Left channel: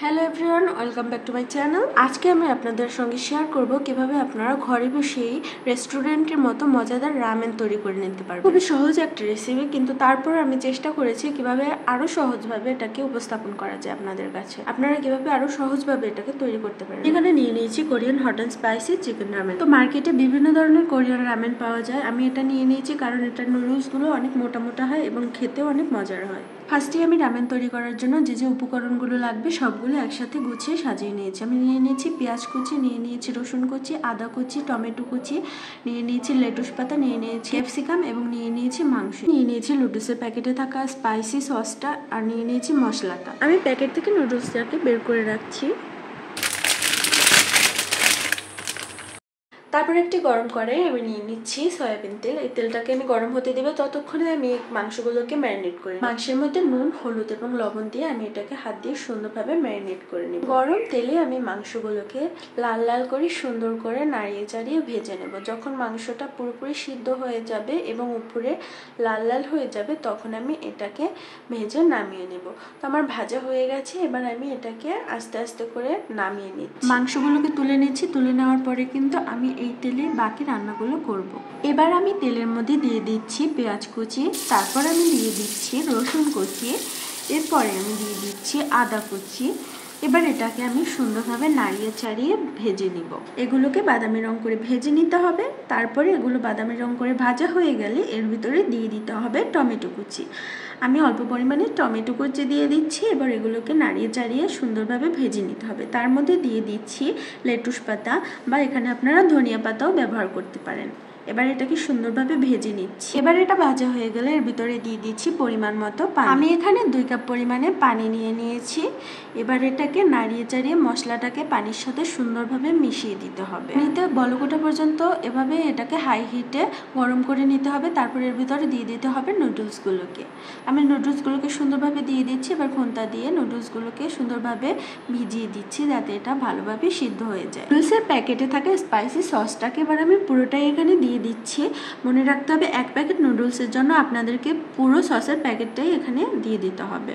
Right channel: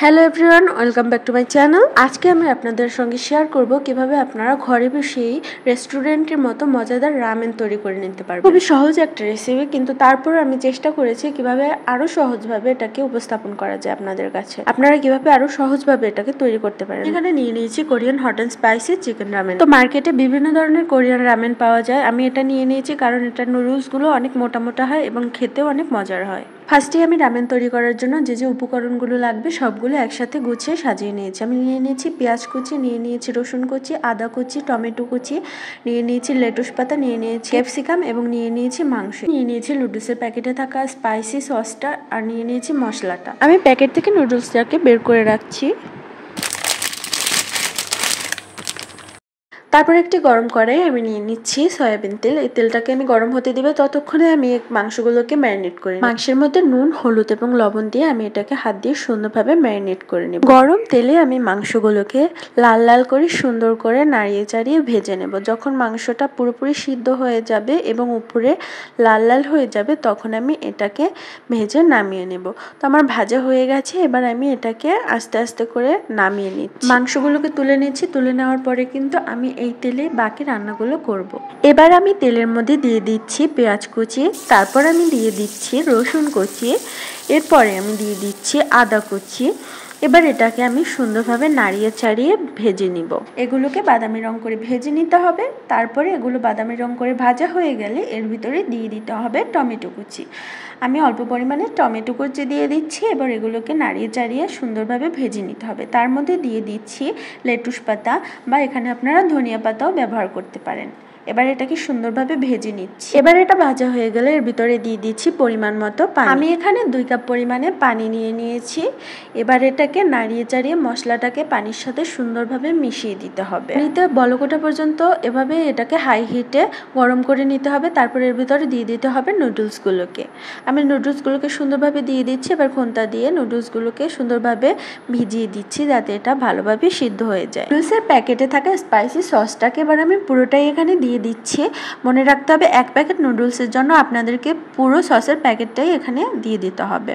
Hello everyone, welcome back to my channel. আজকে আমি আপনাদের সঙ্গে শেয়ার করব কিভাবে আপনারা ঘরে বসেই রেস্টুরেন্টের মতো মজাদার রামেন তৈরি করে নিতে পারবেন। খুবই সহজ একটা রেসিপি, কিন্তু তারপর আমি চেষ্টা করেছি কিভাবে আরো সহজভাবে এটাকে উপস্থাপন করা যায় আপনাদের কাছে। আপনারা কিভাবে আরো সহজভাবে এটাকে তৈরি করতে পারেন। এখানে নিয়ে নিয়েছি Korean hot and spicy chicken ramen. তো মার্কেটে বিভিন্ন ধরনের কোরিয়ান রামেন পাওয়া যায়। আমি এটা নিয়ে নিয়েছি কারণ এটা নুডলসগুলো অনেক মোটা মোটা হয় এবং খেতেও অনেক মজার হয়। ফার্স্টে আমি রামেন তৈরি করার জন্য যে যে উপকরণগুলো লাগবে সবগুলো একসাথে গুছিয়ে সাজিয়ে নিয়েছি। আমি নিয়ে নিয়েছি পেঁয়াজ কুচি, নিয়ে নিয়েছি রসুন কুচি, আদা কুচি, টমেটো কুচি, নিয়ে নিয়েছি লেটুস পাতা, নিয়ে নিয়েছি ক্যাপসিকাম এবং নিয়ে নিয়েছি মাংস, নিয়ে নিয়েছি নুডলসের প্যাকেটে থাকা স্পাইসি সসটা, আর নিয়ে নিয়েছি মশলাটা। আমি প্যাকেট থেকে নুডলসটাকে বের করে রাখছি। তারপর একটি গরম কড়াই আমি নিয়ে নিচ্ছি সয়াবিন তেল। এই তেলটাকে আমি গরম হতে দিব, ততক্ষণে আমি মাংসগুলোকে ম্যারিনেট করে মাংসের মধ্যে নুন, হলুদ এবং লবণ দিয়ে আমি এটাকে হাত দিয়ে সুন্দরভাবে ম্যারিনেট করে নেব। গরম তেলে আমি মাংসগুলোকে লাল লাল করে সুন্দর করে নাড়িয়ে চাড়িয়ে ভেজে নেব। যখন মাংসটা পুরোপুরি সিদ্ধ হয়ে যাবে এবং উপরে লাল লাল হয়ে যাবে তখন আমি এটাকে ভেজে নামিয়ে নেব। তো আমার ভাজা হয়ে গেছে, এবার আমি এটাকে আস্তে আস্তে করে নামিয়ে নিচ্ছি। মাংসগুলোকে তুলে নিচ্ছি। তুলে নেওয়ার পরে কিন্তু আমি এই তেলে বাকি রান্নাগুলো করব। এবার আমি তেলের মধ্যে দিয়ে দিচ্ছি পেঁয়াজ কুচি, তারপর আমি দিয়ে দিচ্ছি রসুন কুচি, এরপরে আমি দিয়ে দিচ্ছি আদা কুচি। এবার এটাকে আমি সুন্দরভাবে নাড়িয়ে চাড়িয়ে ভেজে নিব। এগুলোকে বাদামি রং করে ভেজে নিতে হবে। তারপরে এগুলো বাদামি রং করে ভাজা হয়ে গেলে এর ভিতরে দিয়ে দিতে হবে টমেটো কুচি। আমি অল্প পরিমাণে টমেটো কুচি দিয়ে দিচ্ছি। এবার এগুলোকে নাড়িয়ে চাড়িয়ে সুন্দরভাবে ভেজে নিতে হবে। তার মধ্যে দিয়ে দিচ্ছি লেটুস পাতা, বা এখানে আপনারা ধনিয়া পাতাও ব্যবহার করতে পারেন। এবার এটাকে সুন্দরভাবে ভেজে নিচ্ছি। এবার এটা ভাজা হয়ে গেলে এর ভিতরে দিয়ে দিচ্ছি পরিমাণ মতো পানি। আমি এখানে 2 কাপ পরিমাণে পানি নিয়ে নিয়েছি। এবার এটাকে নাড়িয়ে চাড়িয়ে মশলাটাকে পানির সাথে সুন্দরভাবে মিশিয়ে দিতে হবে। পানিতে বলক ওঠা পর্যন্ত এভাবে এটাকে হাই হিটে গরম করে নিতে হবে। তারপর এর ভিতরে দিয়ে দিতে হবে নুডলসগুলোকে। আমি নুডলসগুলোকে সুন্দরভাবে দিয়ে দিচ্ছি। এবার খোন্তা দিয়ে নুডলসগুলোকে সুন্দরভাবে ভিজিয়ে দিচ্ছি যাতে এটা ভালোভাবে সিদ্ধ হয়ে যায়। নুডলসের প্যাকেটে থাকা স্পাইসি সসটাকে এবার আমি পুরোটাই এখানে দিয়ে দিচ্ছি। মনে রাখতে হবে 1 প্যাকেট নুডলসের জন্য আপনাদেরকে পুরো সসের প্যাকেটটাই এখানে দিয়ে দিতে হবে।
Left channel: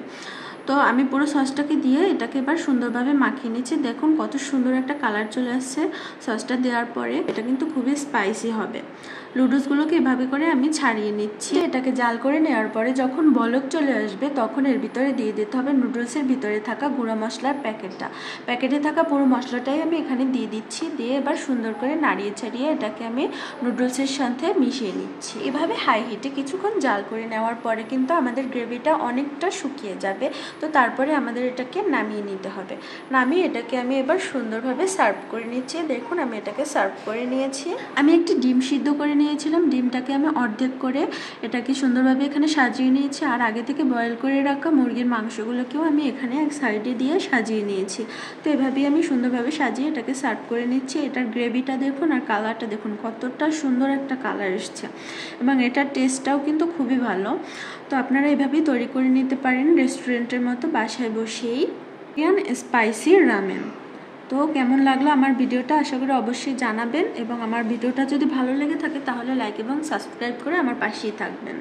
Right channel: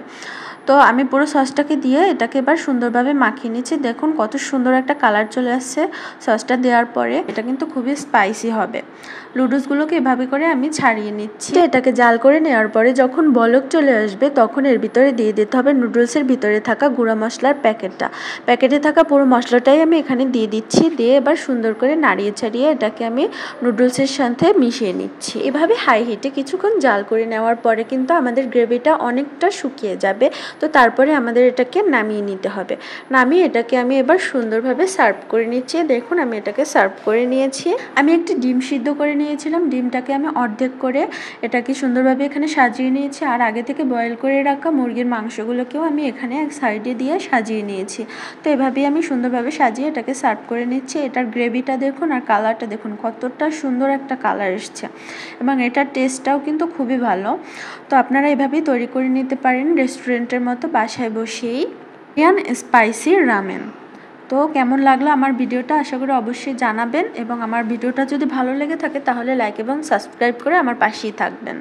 তো আমি পুরো সসটাকে দিয়ে এটাকে এবার সুন্দরভাবে মাখিয়ে নিচ্ছি। দেখুন কত সুন্দর একটা কালার চলে আসছে সসটা দেওয়ার পরে। এটা কিন্তু খুবই স্পাইসি হবে। নুডলসগুলোকে এভাবে করে আমি ছাড়িয়ে নিচ্ছি। এটাকে জাল করে নেওয়ার পরে যখন বলক চলে আসবে তখন এর ভিতরে দিয়ে দিতে হবে নুডলসের ভিতরে থাকা গুঁড়া মশলার প্যাকেটটা। প্যাকেটে থাকা পুরো মশলাটাই আমি এখানে দিয়ে দিচ্ছি। দিয়ে এবার সুন্দর করে নাড়িয়ে ছাড়িয়ে এটাকে আমি নুডলসের সাথে মিশিয়ে নিচ্ছি। এভাবে হাই হিটে কিছুক্ষণ জাল করে নেওয়ার পরে কিন্তু আমাদের গ্রেভিটা অনেকটা শুকিয়ে যাবে। তো তারপরে আমাদের এটাকে নামিয়ে নিতে হবে। নামিয়ে এটাকে আমি এবার সুন্দরভাবে সার্ভ করে নিচ্ছি। দেখুন আমি এটাকে সার্ভ করে নিয়েছি। আমি একটি ডিম সিদ্ধ করে নিয়েছিলাম। ডিমটাকে আমি অর্ধেক করে এটাকে সুন্দরভাবে এখানে সাজিয়ে নিয়েছি। আর আগে থেকে বয়েল করে রাখা মুরগির মাংসগুলোকেও আমি এখানে এক সাইডে দিয়ে সাজিয়ে নিয়েছি। তো এভাবেই আমি সুন্দরভাবে সাজিয়ে এটাকে সার্ভ করে নিচ্ছি। এটার গ্রেভিটা দেখুন আর কালারটা দেখুন কতটা সুন্দর একটা কালার এসছে, এবং এটার টেস্টটাও কিন্তু খুবই ভালো। তো আপনারা এভাবেই তৈরি করে নিতে পারেন রেস্টুরেন্টের মতো বাসায় বসেই কোরিয়ান স্পাইসি রামেন। তো কেমন লাগলো আমার ভিডিওটা আশা করি অবশ্যই জানাবেন, এবং আমার ভিডিওটা যদি ভালো লেগে থাকে তাহলে লাইক এবং সাবস্ক্রাইব করে আমার পাশেই থাকবেন।